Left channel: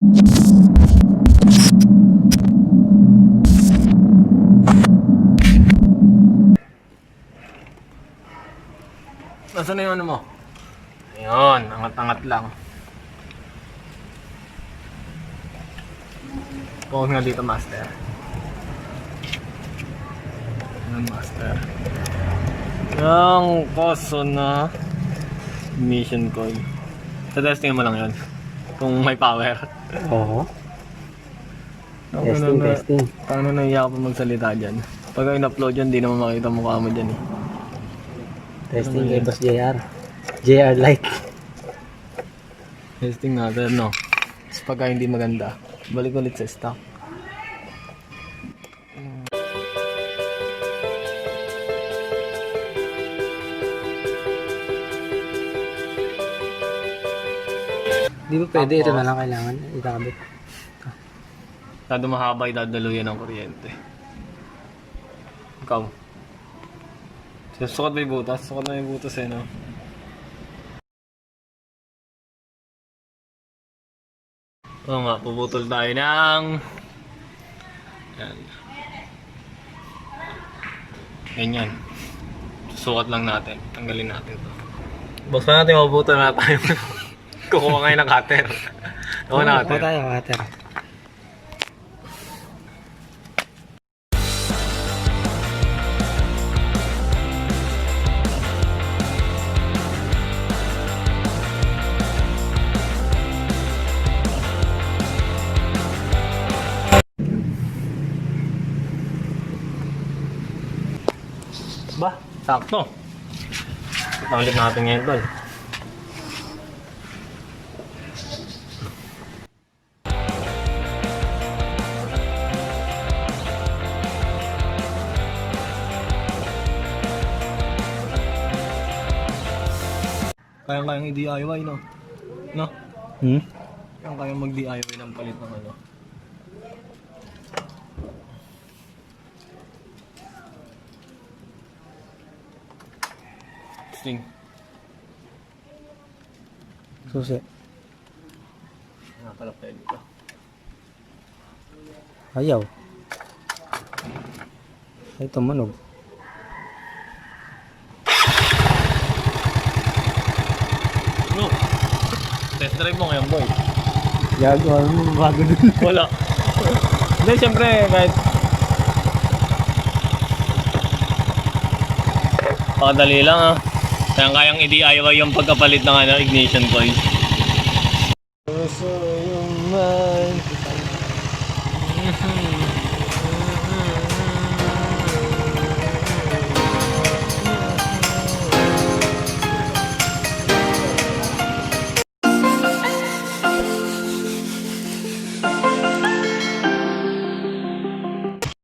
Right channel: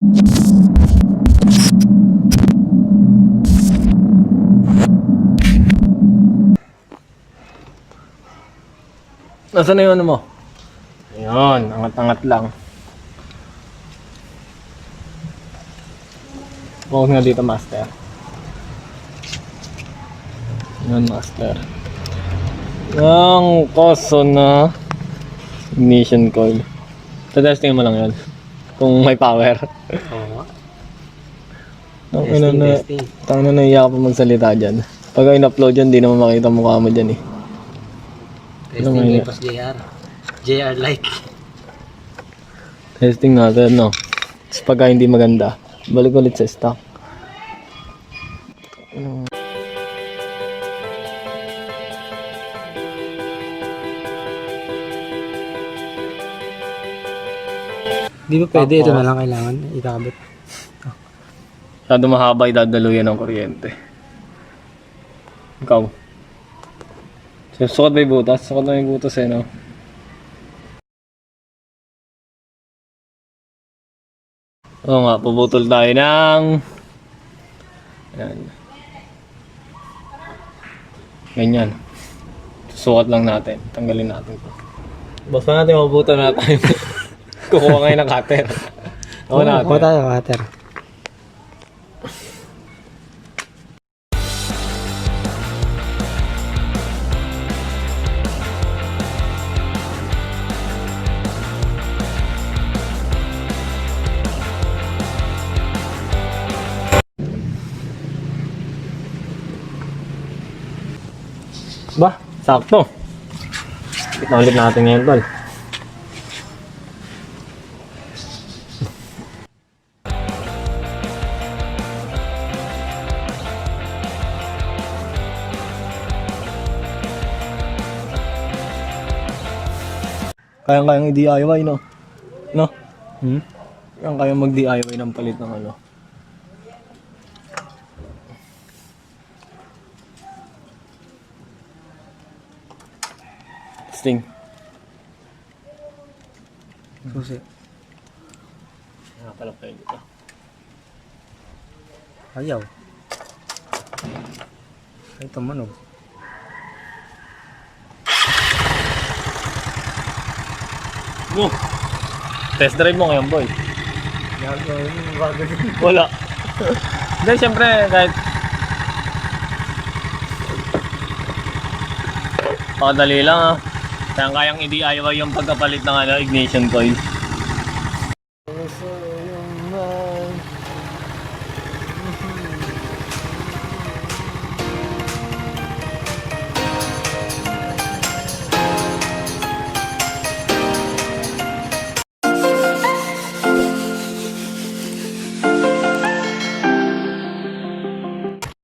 Nasaan na yung ano mo? Ayun, angat-angat lang. Focus nga dito, master. Ayun, master. Yung Koso na Ignition Coil. So, testing mo lang yun. Kung may power. Oo. Testing. Tangina na iyak pa magsalita dyan. Pag in-upload yan, di naman makita mukha mo dyan eh. Testing kay Boss JR. JR like. Testing natin, no? Tapos pagka hindi maganda, balik ulit sa stock. Di ba pwede? Ito na lang kailangan ikabit. Masyado mahaba, idadaluyan ng kuryente. Ikaw. Sukot ba yung butas? Sukot na yung butas eh, no? Oo nga, puputol tayo ng... Yan. Ganyan. Sukat lang natin. Tanggalin natin ito. Boss pa natin, mabutol na tayo. Kukuha ngayon ng cutter. Kukuha na Kuha tayo, cutter. Ba, sakto. Kita ulit natin ngayon, tol. Kayang-kayang i-DIY, no? No? Kayang-kayang mag-DIY ng palit ng ano. Testing. Susi. Pala pwede ito. Ayaw. Ay, tumunog. No. Test drive mo ngayon, boy. Gagawa mo, magagawin. Wala. Hindi, siyempre, kahit pakadali lang, ah. Kayang-kayang i-DIY yung pagkapalit ng ignition coil.